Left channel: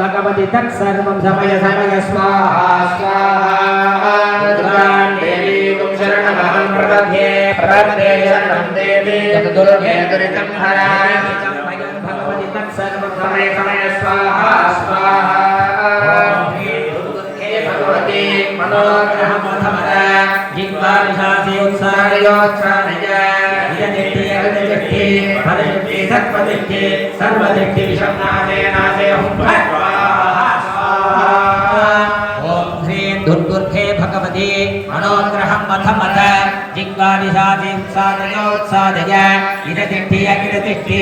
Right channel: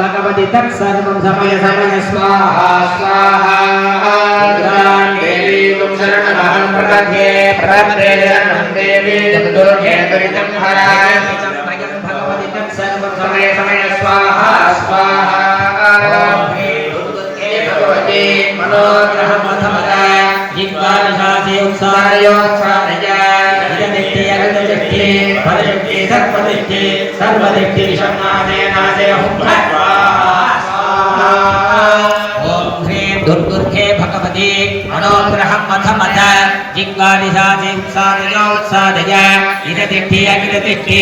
भगवति तत्सर्वं समय समय स्वाहा स्वाहा दुर्गां देवी तुं शरणमहं प्रपद्ये प्रपद्ये शरणं देवी तुं दुर्गे दुरितं हरा निमित्तिकं वयं भगवति तत्सर्वं समय समय स्वाहा स्वाहा हे भगवती मनोग्रहमथमदा जिह्वानिशासे उत्सारशासे उत्सारयोत्सारया हिरदिष्टियर्दृष्टि फलयुक्ति सर्पदृष्टि, सर्वदृष्टि विषमादेनादे हुं ॐ ह्रीं दुर्दुर्गे भगवती मनोग्रहं मथ मथ, जिह्वादिशासे उत्सारयोत्सारय हिरदिष्टि अग्रदृष्टि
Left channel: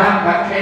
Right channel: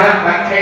นะครับหลังใช้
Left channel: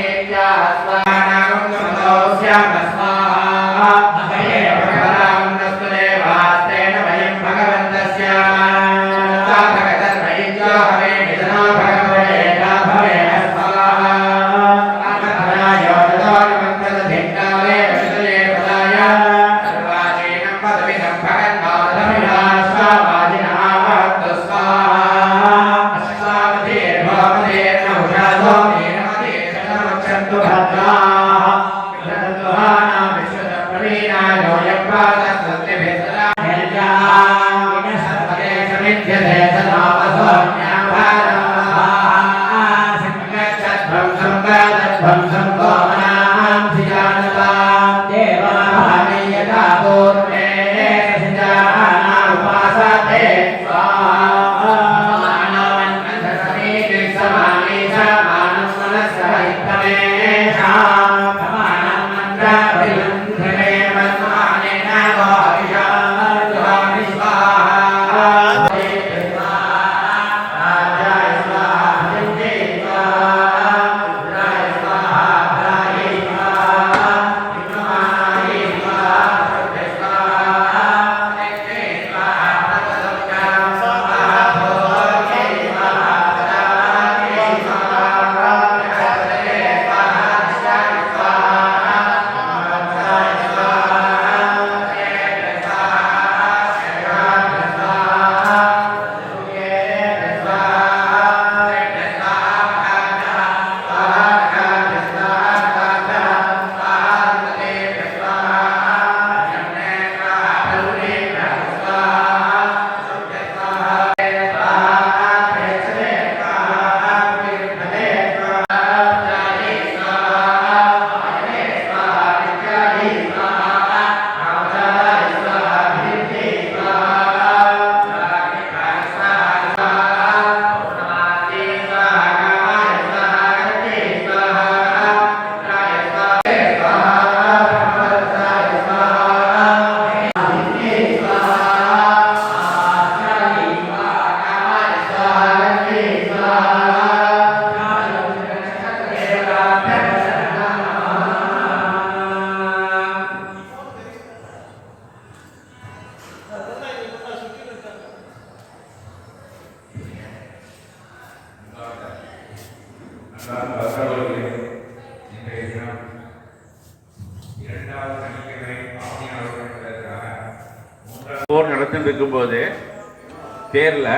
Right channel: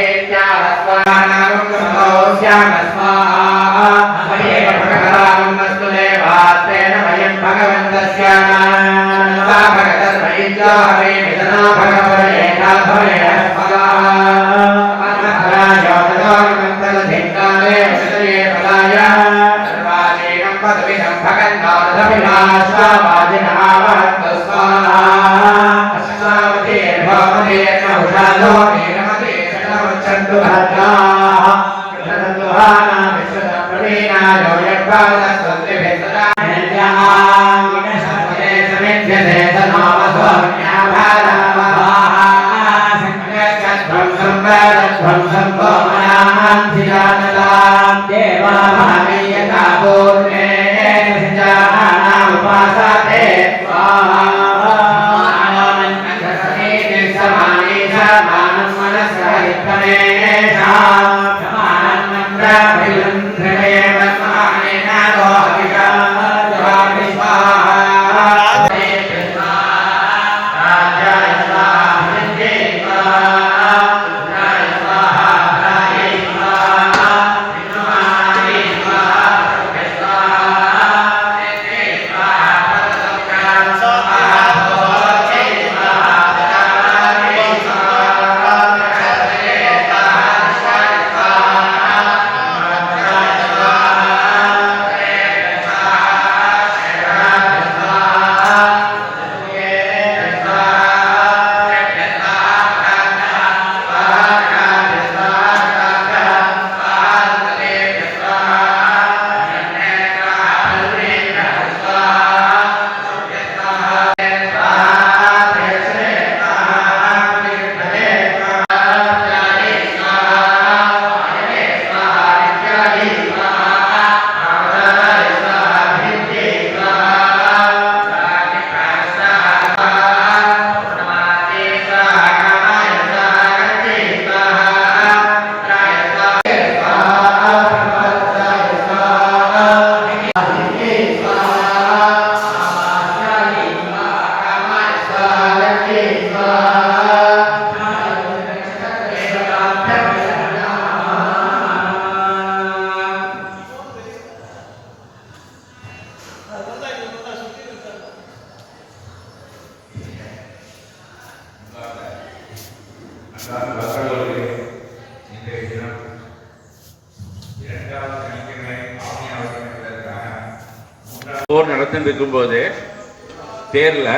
தேரில்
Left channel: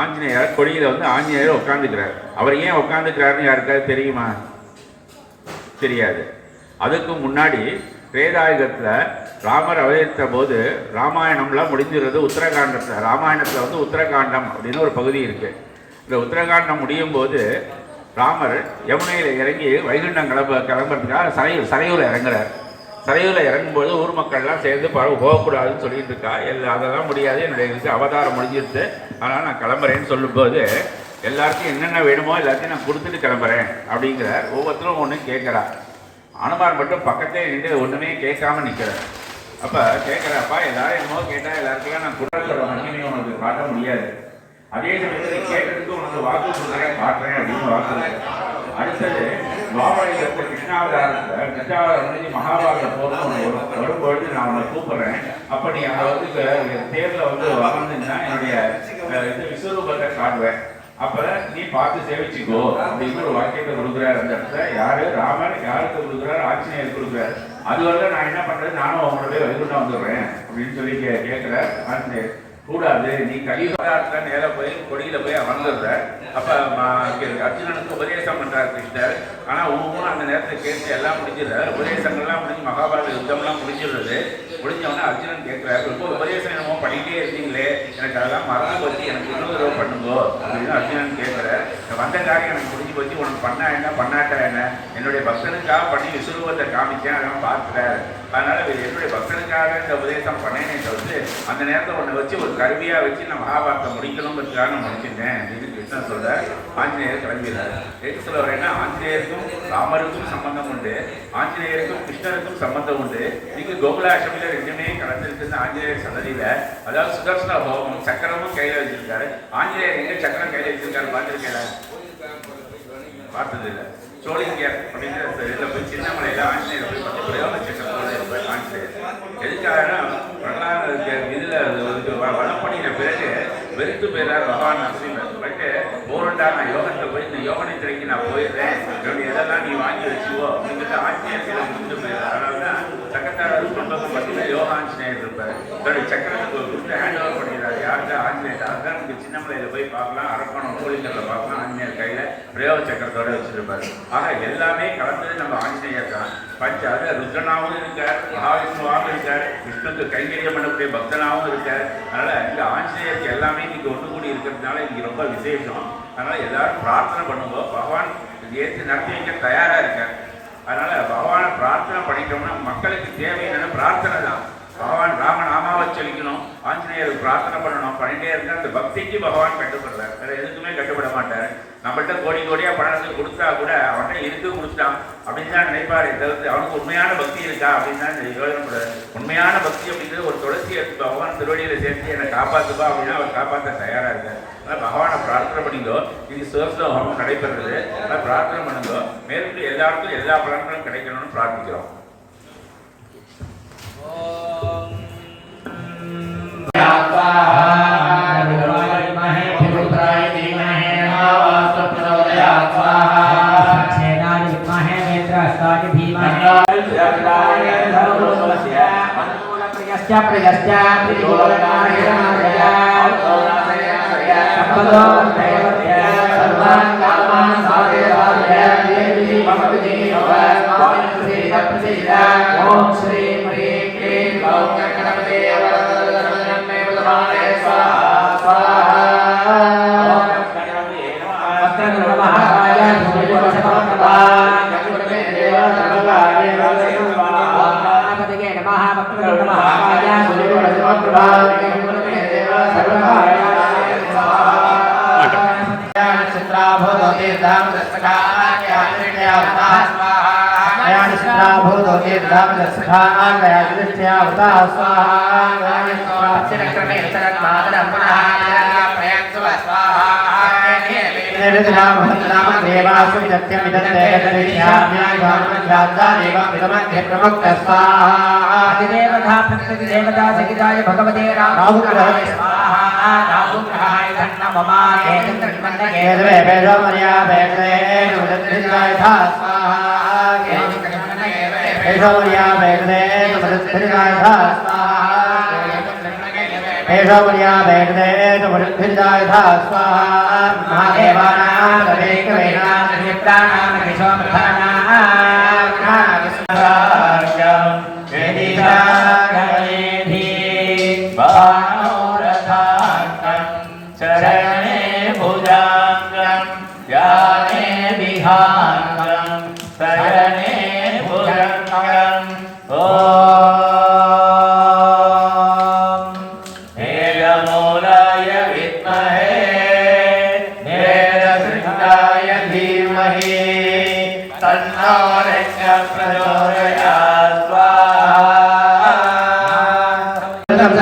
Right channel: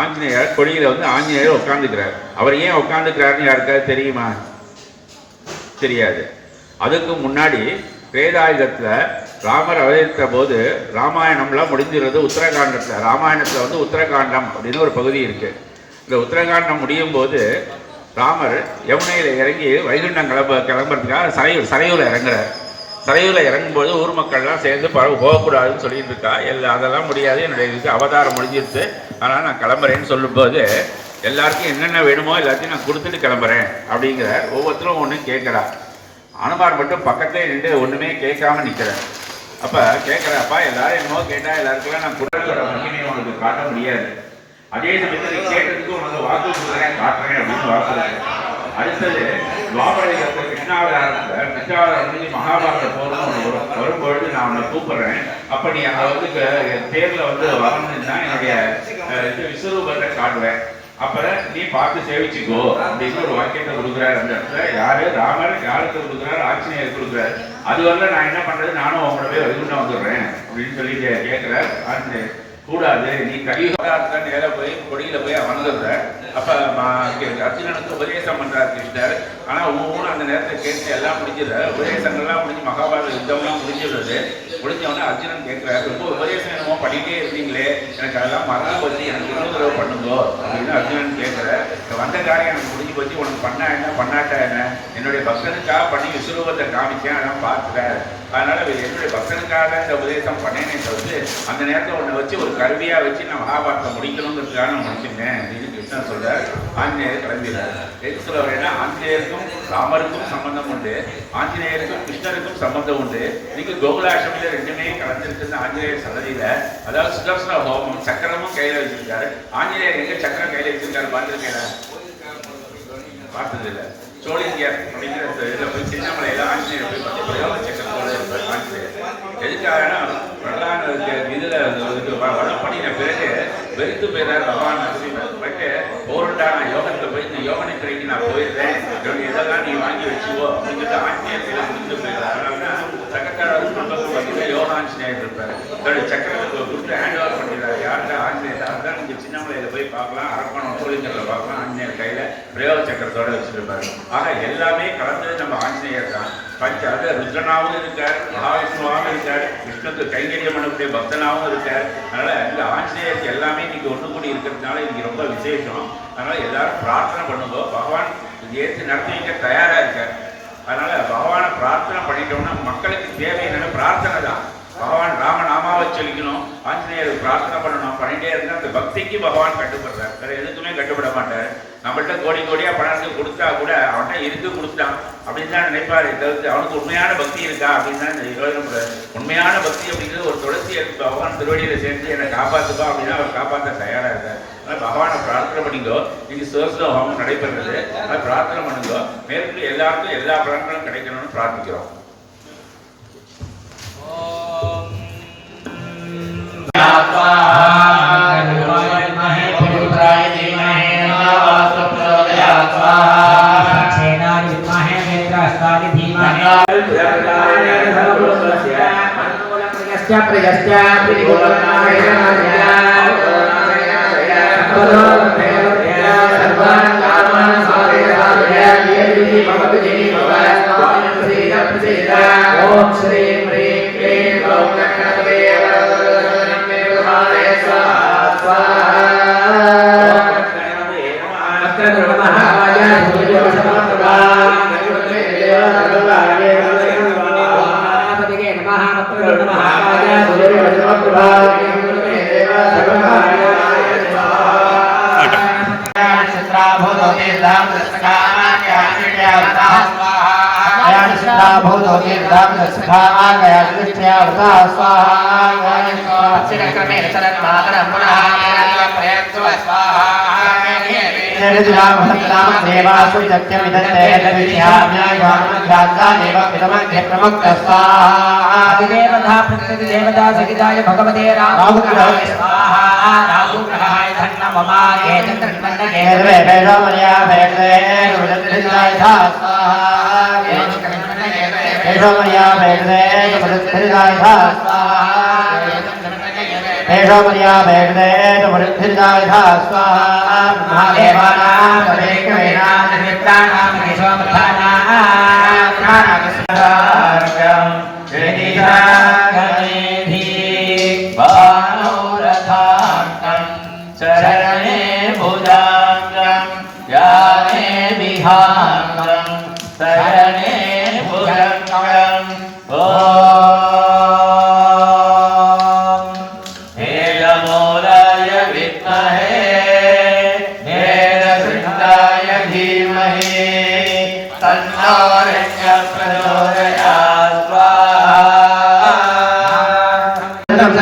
ஆஞ்சநேயர் கொடியில் வந்து ஆஞ்சநேயர் உட்காந்துக்கிறார் அவர் ஏன் உட்காந்துக்கிறாருன்னு யாருக்காவது தெரியுமா? தெரியாது. அதுக்கு முன்னாடி வேதாயுதத்தில் ராமர் அவதரித்த போது ராமாயணம்லாம் முடிஞ்சிருது உத்தரகாண்டத்தில். ராமாயணத்தில் வந்து உத்தரகாண்டம் அப்படின்னு ஒரு பகுதி இருக்குது இந்த உத்தரகாண்டம் முடியும் போது ராமர் யமுனையில் இறங்கி வைகுண்டம் கிளம்ப கிளம்புறதுக்காக சரையூர் சரையூரில் இறங்குறார். சரையூரில் இறங்கும்போது ஊர் மக்கள்லாம் சேர்ந்து பரவ போகக்கூடாதுன்னு சொல்லிட்டு இருக்கா. எல்லா அதெல்லாம் முடியாது. என்னுடைய இதுக்கு அவதாரம் முடிஞ்சிருச்சு. அதனால் நான் கிளம்புறேன்னு சொல்லும்போது எல்லாருக்கும் என்னென்ன வேணுமோ எல்லாத்தையும் நான் கொடுத்துட்டு கிளம்புறேன் அப்படிங்கிறார். ஒவ்வொருத்தரும் ஒன்று கேட்குறார். அனுமார் மட்டும் பக்கத்தே நின்று ஒன்றுமே கேட்காம நிற்கிறார் அப்போ கேட்குறப்பா எல்லாரும் என்னமோ கேட்டால் எல்லாருக்கெல்லாம் நான் குடலோட மகிமையை உனக்கு காட்ட முடியாது. அதே சமயத்தில் கேட்டதுக்கு உனக்கு வாக்கு காட்டுறேன் அப்படின்னு வாக்கு அடுத்தது துவாபரத்தில் கிருஷ்ணாவதாரத்தில் கிருஷ்ணாவதாரம் முடிஞ்சு மகாபாரத போர்னு ஒன்று வரும். வரும்பொழுது நான் உன்னை கூப்பிடுறேன். அப்போ நீ அங்கே வந்து க- தேர்ல வந்து வரணும்னா என்னுடைய அஹ், இது விஸ்வரூபத்தை காட்டுவேன். அப்புறம் நீ பார்த்து சேவிச்சுக்கோ அப்படின்னு ஒரு வாக்கியத்தை கொடுக்குறாரு அந்த இடத்துல. யாரு? ராமர். யாருக்கு கொடுக்குறாரு? ஆஞ்சநேயர் கொடுக்குறாரு. அது வரல நான் என்ன பண்றது? நானும் உங்களவே வைகுண்டம் வந்துடுறேன் அப்படின்னு சொல்லி கேட்குறேன் கேட்கிறார் கூடாது. நீ கலியுகத்துல நேராக போய் கொடியில் போய் அமர்ந்துடுற அப்போ ம- அர்ஜுனனுக்கு உபதேசம் பண்ணுறார் கிருஷ்ணர். ஆனால் ஒவ்வொன்றும் அந்த நேரத்தை கேட்டு எல்லாம் முடிஞ்சிடுற. உபதேசங்கள்லாம் முடிஞ்சு மகாபாரத யுத்தம்லாம் முடிஞ்சிடுறது. முடிஞ்சவொடனே அர்ஜுனன் கேட்குறாரு ரொம்ப உபதேசம் என்னமோ பண்ணிகிட்டே இருந்தீங்களே. எனக்கு அதெல்லாம் மறந்து போச்சு. எனக்கு இன்னொரு தடவை பண்ணுங்கோ. அப்படின்னு அர்ஜுனன் கேட்குற வந்த காரியம் எனக்கு முடிஞ்சு போச்சு. உனக்கு பண்ணா என்ன? பண்ணாட்டா என்ன? என்னுடைய பக்தனுக்காக பண்ணி விசுரூபத்தை காமிச்சேன். அதான் பார்க்குறேன் அதனால இது என்னுடைய பக்தனுக்காக இந்த உபதேசம் பண்ணேனே தவிர்த்து அந்த நேரத்தை ஒன்றை வச்சு ஒரு கருவியாக வச்சு நான் மகாபாரத்தை முடிக்கணுங்கிறதுக்காக நான் முடிச்சிட்டேன் அப்படின்னு கிருஷ்ணன் சொல்கிறார் ஆஞ்சநேயர் கிளம்பினார். எதுக்கு சொல்ல வரேன்னா ஆஞ்சநேயருக்கும் ராமருக்கும் சம்பந்தம் உண்டு. ஆஞ்சநேயருக்கும் கிருஷ்ணருக்கும் சம்பந்தம் உண்டு. நீங்க கோகுலாஷ்டமியில் ரெண்டுமே கலந்துருக்குன்னு ஆஞ்சநேயர் சன்னதியில. அதாவது சுதர்சன ஹோமம் சக்கரமும் கையில் வச்சிருக்காரு. ஆஞ்சநேயர் எங்கே சக்கரம் கையில் வச்சிருக்காரு பார்த்துருக்கேன் பார்த்ததில்லை. சோழிங்கர் அப்படிங்கிற இதில் போய் சின்னமலையில் ஆஞ்சநேயர் போய் பார்த்து பிரயோக சக்கரம் இருப்பார் ஆஞ்சநேயர் எதுக்காகனா பிரகலான இதில் இது வளம் பண்ணின பிறகு வெறுத்து போயிறார் பகவான் நரசிம்மர். பட்டு போருண்டா நான் யோகத்தில் போய் இந்த யோகனை கிடைக்கி நான் போயிடுறேன். இதெல்லாம் நீ வாங்கி வச்சுக்கோ அப்படின்னு சொல்லிட்டு கையில் முடிந்து போயிடுறாரு. அதனால தான் சக்கத்தாழ் பார்த்தீங்கன்னா யோக ஆஞ்சநேயர் இருப்பார் தன்னுடைய சக்கரத்துக்கு கொடுத்து ஹேண்ட் ஓவர் பண்ணிக்கிறார் யாருக்கா ஆஞ்சநேயர் அதுதான் நீங்கள் சின்னமலையில் போய் பார்க்கலாம் அரக்கோணம் சோழிங்கரில் பார்க்கலாம் ஆஞ்சநேயர் கையில் பிரயோக சக்கரத்தோடு வச்சிருப்பாரு ஆக எல்லாமே கலந்தது நம்ம ஆஞ்சநேயர் தான் பஞ்ச அது ருத்ரனாகவும் இருக்கார் மகாவிஷ்ணுவாகவும் இருக்கார் விஷ்ணுக்கு கைங்கரியம் பண்ணக்கூடிய பக்தனாகவும் இருக்கார் அதனால் இந்த ஆஞ்சநேயருக்கு எல்லாமே இன்னைக்கு ஒன்று கூடி இருக்கிறதுனால இன்னைக்கு ரொம்ப விசேஷம் அதனால் எல்லாரும் பிரார்த்தனை பண்ணும்போது பகவான் ஏற்று நடத்தி வைக்க தயாராக இருக்கார் அதனால் பகவானை பிரார்த்தனை பண்ணிட்டோம்னா மக்களுக்கு தேவை என்னென்ன பிரார்த்தனை தான் பகவான் ராமநாமாவை சொல்லிக்கணும் ஆஞ்சநேயருக்கு பிரார்த்தனை பண்ணணும் பண்ணிட்டே இருந்தால் அந்த பக்திக்கு பகவான் கட்டுப்படுறார். வேற எதுக்குமே கட்டுப்பட மாட்டார். நம்மள்கிட்ட கோடி கோடியாக பணம் கொடுத்தா கூட அவன்கிட்ட இருக்கு கொடுத்தான். அப்படின்னு தான் நினைப்பார். தவிர்த்து அவனுக்கு உண்மையான பக்தி இருக்கா அப்படின்னு தான் இந்த உண்மையான பக்தி அப்படிங்கிறது ஒரு துளசி எடுத்து பகவான் திருவடியில் சேர்த்து என்னை காப்பாத்துப்பா அப்படின்னா அவர் காப்பாற்ற தயாராக இருக்கார். அதனால் பகவானை பிரார்த்தனை பண்ணிக்கோ. இன்னைக்கு சுதர்சன ஹோமம் நடைபெறுறது. அதனால் பிரார்த்தனை பண்ணுங்க. மேற்கு எல்லாருக்கும் எல்லா பலன்களும் கிடைக்கணும்னு பிரார்த்திக்கிறோம். प्रजश्च ओम श्री చిరక్రమేణ చరత్మాతరం పునః ప్రయత్సు స్వాహా దేవతా సహితాయ భగవతే రాహుగ్రహాయ ధన్నమమాయ చంద్రమన్య స్వాహా ஏஷோமரியா வேண்டே தமிழ்பிரிதாய ஏஷோமரியா வேண்டே தமிழ்பிரிதாய மகாதேவானாம் தவேக்கவேனாம் நிமித்தானாம் ஏஷோமர்த்தானாம்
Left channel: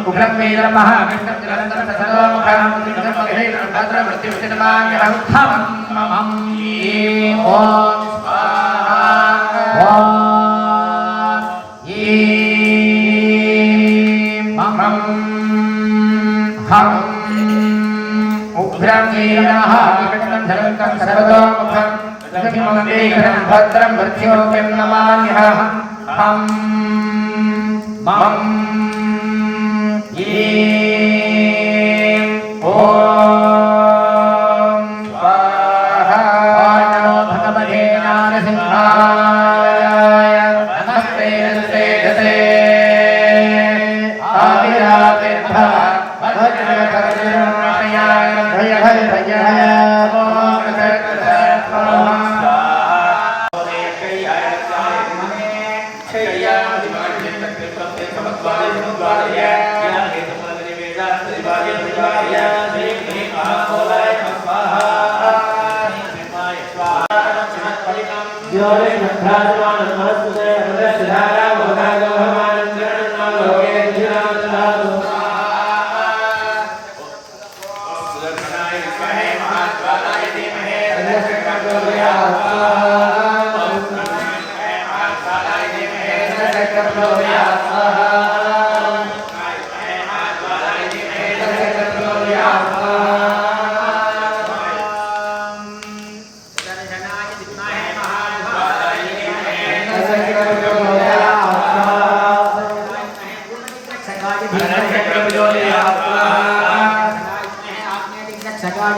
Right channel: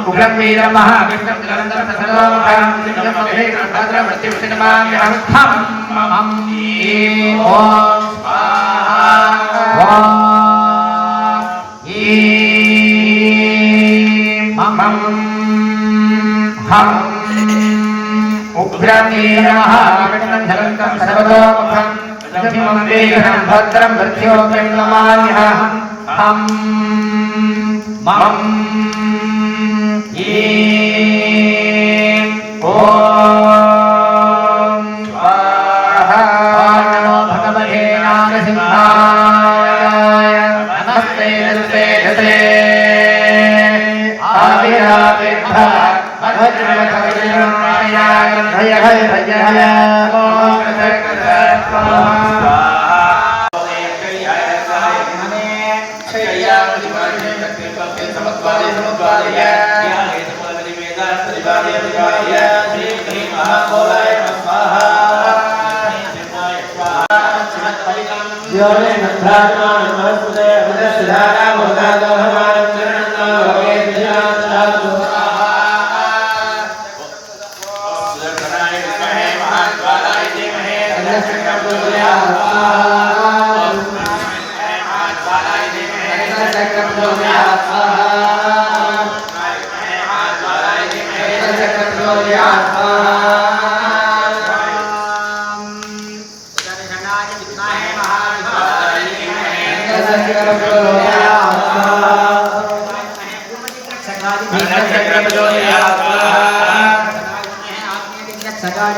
ह्रीं हं हं उग्रं वीरं महाविष्णुं जलन्दं सर्वमुखं सिद्धं मधुरेकं भद्रं मृत्युविष्णुमाम्यहं हं हं ह्रीं ॐ स्वाहा ॐ ह्रीं हं हं उग्रं वीरः विष्णुं जलन्दं सर्वतोमुखं लक्ष्मं वीरं भद्रं मृत्योग्यं नमाम्यहं हं मम Amen.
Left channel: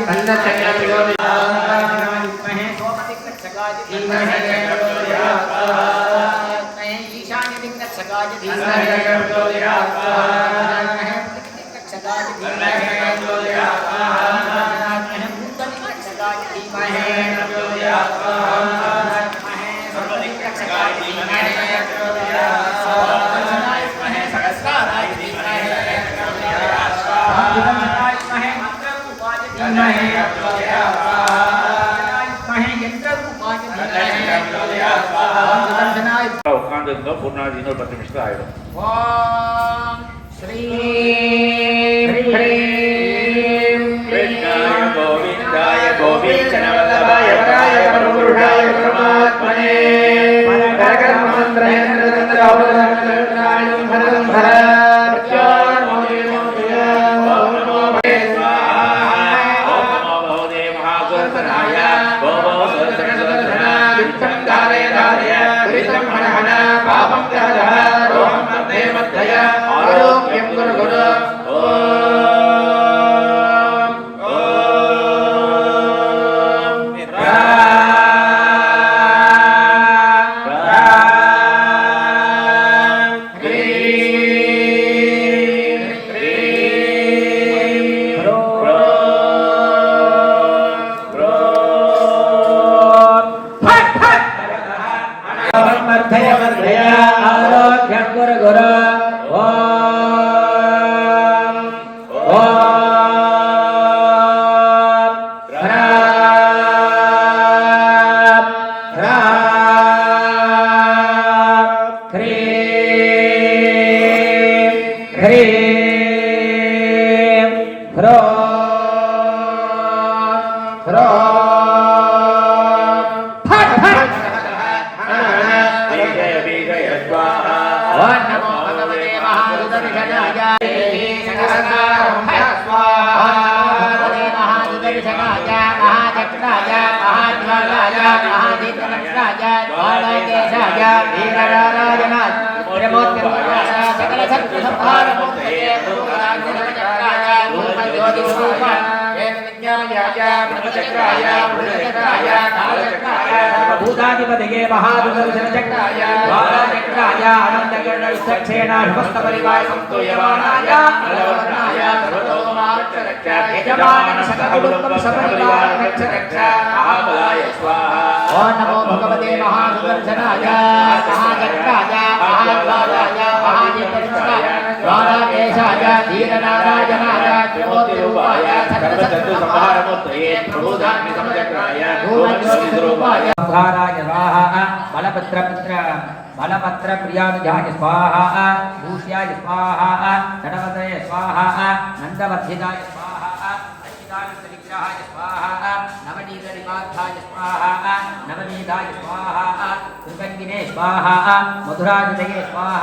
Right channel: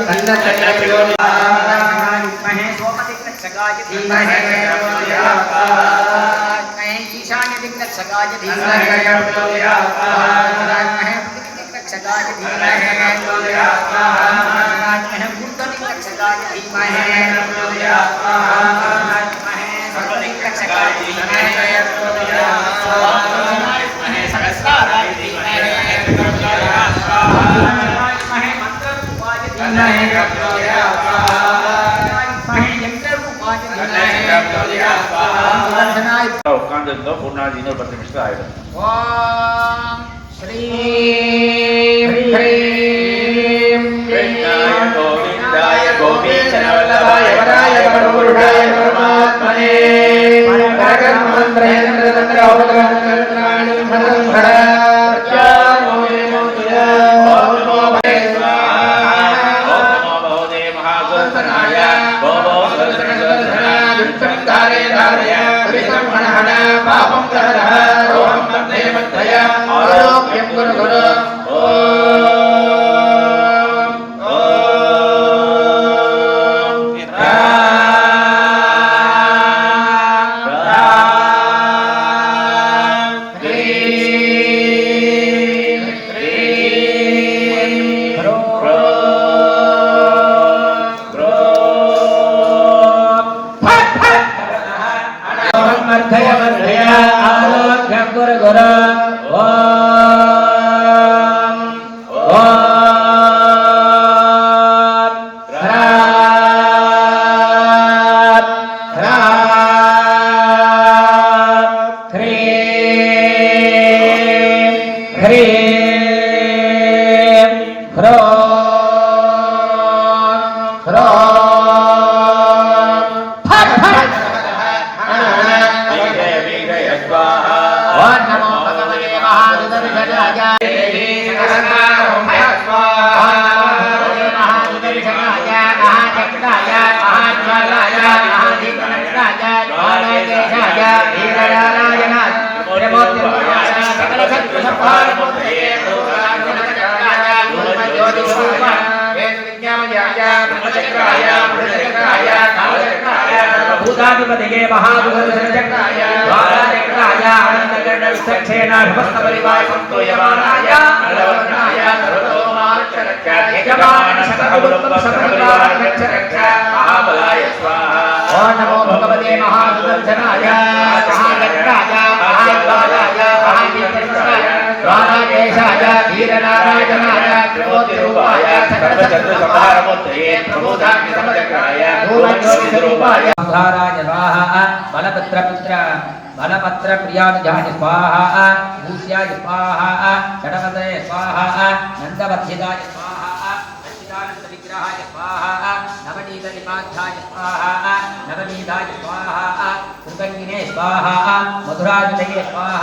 धन्यचक्रपिलोलया धीमहि रक्षकाय धीमहे रक्षकाय धीमहे भूतनिरक्षकाय धीमहे रक्षकाय धीमहे सहस्राय धीमहे मंत्र उपाधि धीमहे உட்காந்துருந்தோம் பொண்ணாடி இன்னொரு பத்து நிமிஷம் ஆயிடும் ஓம் ஸ்ரீம் ஹ்ரீம் கிருஷ்ணாய கோவிந்தாய கோபீச்சனவல்லபாய வராய பரமபுருஷாய பரமாத்மனே பரகர்மந்திரேந்திரதந்திரோபதரந்திராணி సకల సత్వ సంహారమూర్తయే భూతానందకరాయ భూపజ్యోతిస్వరూపాయ భూతాధిపతిగే మహాభూతచక్రాయ ద్వారచక్రాయ అనంతగణ విసక్షేణ విభస్తపరివాయ సంతోయమానాయ అలవర్ణాయ సర్వతోమాక్ష ద్వారాకేశాయ వీరనారాయణాయ త్రిమూర్తిరూపాయ సకలచంద్ర సంహారమూర్తయే ప్రభుధాగ్ని సమచక్రాయ నూలజ్యోతిరూపాయ సంహారాయ స్వాహ బలపత్ర పుత్ర బలపత్ర ప్రియాభిజాయ స్వాహ భూష్యాయ స్వాహ షడపతే స్వాహ నందవర్ధితాయ స్వాహ విగ్రహాయ స్వాహ నవనీతాయ స్వాహ కృతంగినే స్వాహ మధురాజుదయే స్వాహ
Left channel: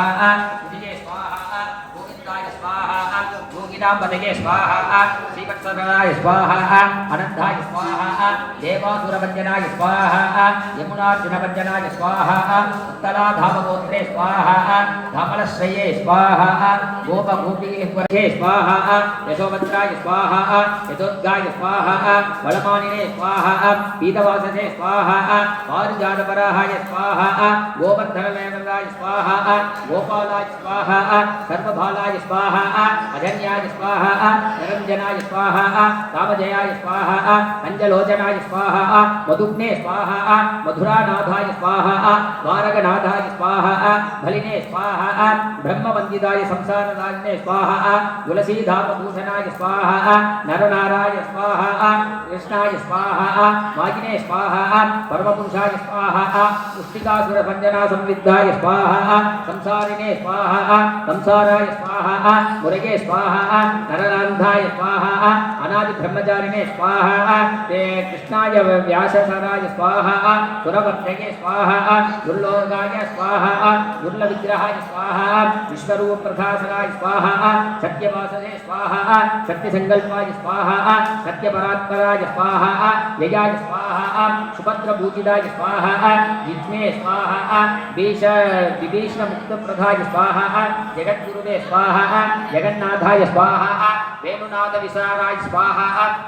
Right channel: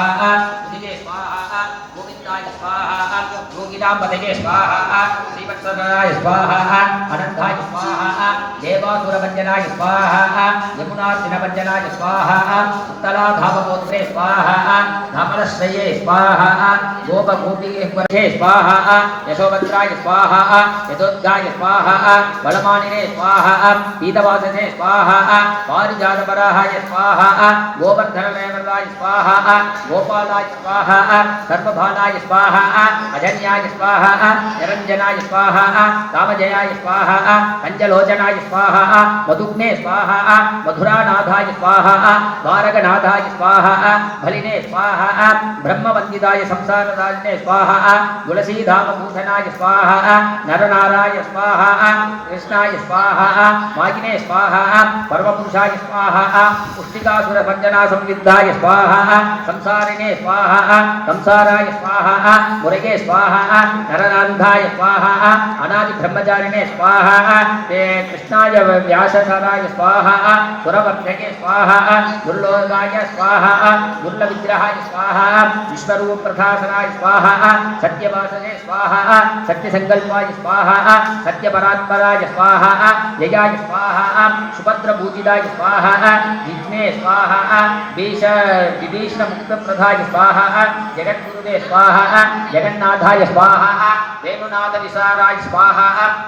गोविन्दाय स्वाहा योगिनाम्बदये स्वाहा श्रीवत्सराय स्वाहा अनन्ताय स्वाहा देवासुरभञ्जनाय स्वाहा यमुनार्जुनभञ्जनाय स्वाहा उत्तराधामगोत्रे स्वाहा धमलश्रये स्वाहा गोपगोपीश्वरे स्वाहा यशोभद्राय स्वाहा यशोद्गाय स्वाहा बलमानिने स्वाहा पीतवासने स्वाहा पारिजातपराहाय स्वाहा गोवर्धनलेवलाय स्वाहा गोपालाय स्वाहा सर्वभालाय स्वाहा अजन्याय स्वाहा निरञ्जनाय स्वाहा रामजयाय स्वाहा पञ्चलोचनाय स्वाहा मधुग्ने स्वाहा मधुरानाथाय स्वाहा द्वारकनाथाय स्वाहा बलिने स्वाहा ब्रह्मवन्दिताय संसारदारिणे स्वाहा तुलसीधामभूषणाय स्वाहा नरनाराय स्वाहा कृष्णाय स्वाहा वागिने स्वाहा परमपुरुषाय स्वाहा पुष्टिकासुरभञ्जना संविद्धाय स्वाहा संसारिणे स्वाहा संसाराय स्वाहा मुरगे स्वाहा नरनान्धाय स्वाहा अनादिब्रह्मचारिणे स्वाहा, ते कृष्णाय व्याससराय स्वाहा, सुरवर्धके स्वाहा, दुर्लोकाय स्वाहा, दुर्लविग्रहाय स्वाहा विश्वरूपप्रथासराय स्वाहा, सत्यवासने स्वाहा सत्यसङ्कल्पाय स्वाहा, सत्यपरात्पराय स्वाहा जयाय स्वाहा सुभद्रपूजिताय स्वाहा जिज्ञे स्वाहा विष विभीषणमुक्तप्रदाय स्वाहा, जगद्गुरुवे स्वाहा, जगन्नाथाय स्वाहा వేణునాథ విసారాయ స్వాహ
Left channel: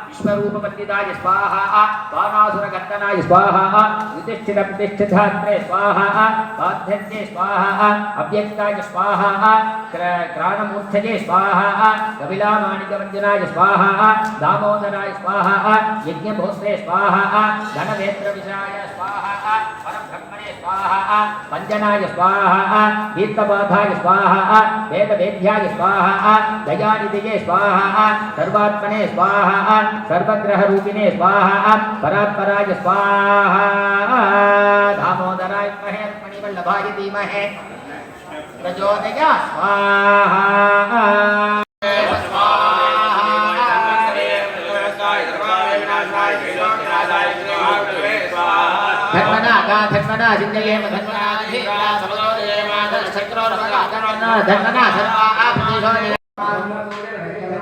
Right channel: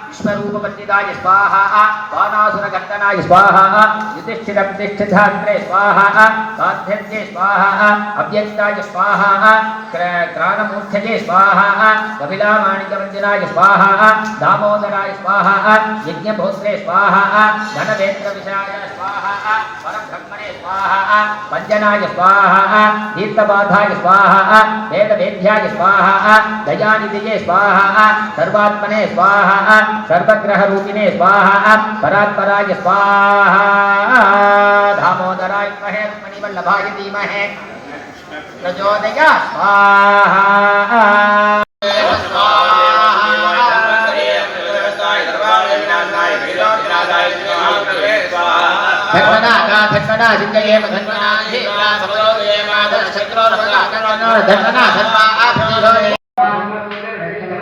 విశ్వరూప పండితాయ స్వాహ బాణాసుర గంగనాయ స్వాహ యుధిష్ఠిర ప్రతిష్ఠితాంత్రే స్వాహ సాధ్యర్యే స్వాహ అవ్యక్తాయ స్వాహ క్రాణమూర్ధయే స్వాహ కపిలామాణిక మందిరాయ స్వాహ దామోదరాయ స్వాహ యజ్ఞభోత్రే స్వాహ ధనవేత్ర విషాయ స్వాహ పరబ్రహ్మణే స్వాహ పంజనాయ స్వాహ దీప్తబాధాయ స్వాహ వేదవేద్యాయ స్వాహ దయానిధియే స్వాహ स्वाहा, सर्वात्मने स्वाहा, सर्वग्रहरूपिणे स्वाहा, परात्पराय स्वाहा। दामोदराय महे, मणिवल्लभाय धीमहे। प्रचोदया स्वाहा। धन्वना धीरा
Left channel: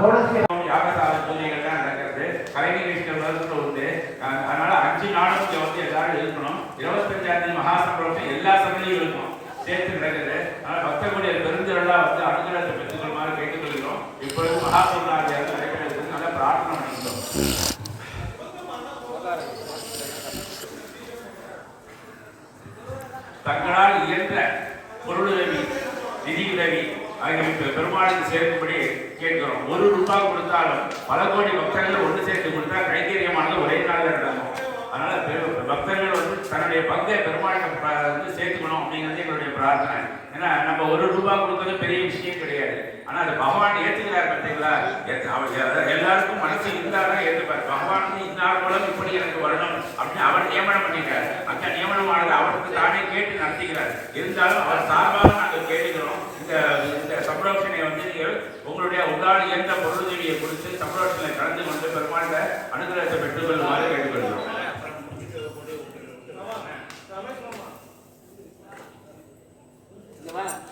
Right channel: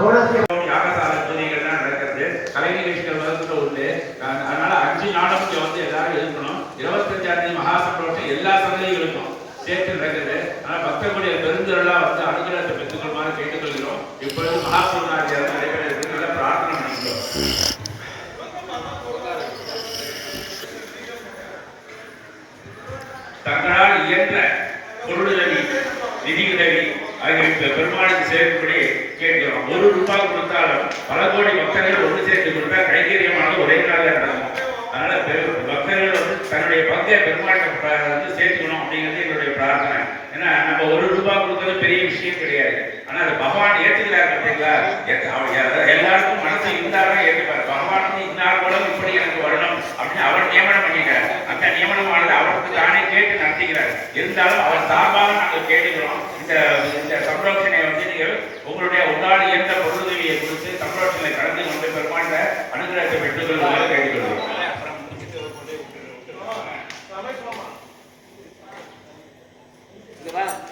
யாகசால பூஜைகள்லாம் நடக்கிறது. கலை நிகழ்ச்சிகள் வகுப்பு உண்டு. அதனால அஞ்சு நாளும் வந்து எல்லாரும் இருக்கணும் இருபத்தஞ்சாம் தேதி எல்லா சந்தையும் இருக்கும் சேர்த்து நடக்கிறது. அதனால் பக்தர்களுடைய பெருந்திரலாம் வந்து அனுகிரகத்தை பெற்றுக்கொள்மாறு கேட்டுக்கொள்கிறோம். இப்பொழுது மகாபூர்ணாதியார் நடைபெற பிரார்த்தனை பண்ணிக்கிறோம். தங்களால் இயன்ற பொருளுதவி நிதியுதவி ஆகிய பெருமாளுக்கு சேர்க்கும்படி கேட்கிறோம். ஒரு ரூபாய் கொடுத்தாலும் பல கோடி பக்தர்கள் ஒன்று சேர்த்து கொடுத்தா கைங்கரியமானது ஒரே நாளில் நடக்கும். அதனால பக்தர்கள் வந்து தன்னுடைய பங்கை பெருமாட்டம் வந்து சேர்த்துக்கணும் அப்படிங்கிறது என்னுடைய பிரார்த்தனை. ஏன்னா நம்ம ஒரு ரூபாய் கொடுக்கறது பெரிய விஷயம் கிடையாது. ஆனா அது பகவான் ஏத்துக்கிறார் பார்த்தீங்களா எல்லாருக்கும் மனசு இருந்தாலும் ஏற்றுப்பார் பகவான் இருந்தால் இன்னார் இப்படி எனக்கு வரணும் அப்படின்னு அவர் நியமனம் பண்ணிக்கிறார். அந்த நியமனமானது அவருக்கு தானே கேட்டு நடத்துகிறார் இருந்தாலும் அவர் சார்பாக நாங்கள் கேட்டுக்கிறோம். இந்த இந்த சம்ரோஷனை வந்து நீங்கள் உங்களுடைய உங்களால் இயன்ற பொருளுதவியை குறித்து சம்ரோஷனை கலந்து கொண்டு பெருமாண்ட அனுகிரகத்தை பெற்றுக் கொள்ளுமாறு கேட்டுக்கொள்கிறோம் இந்த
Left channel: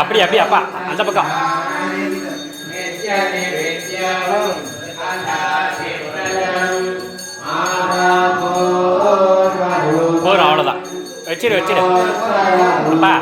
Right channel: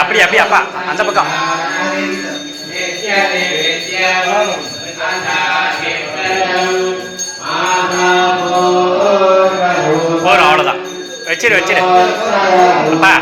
அப்படி அப்படி அப்பா அந்த பக்கம். போறோம் அவ்வளோதான் வச்சிரு வச்சிரு. அப்பா.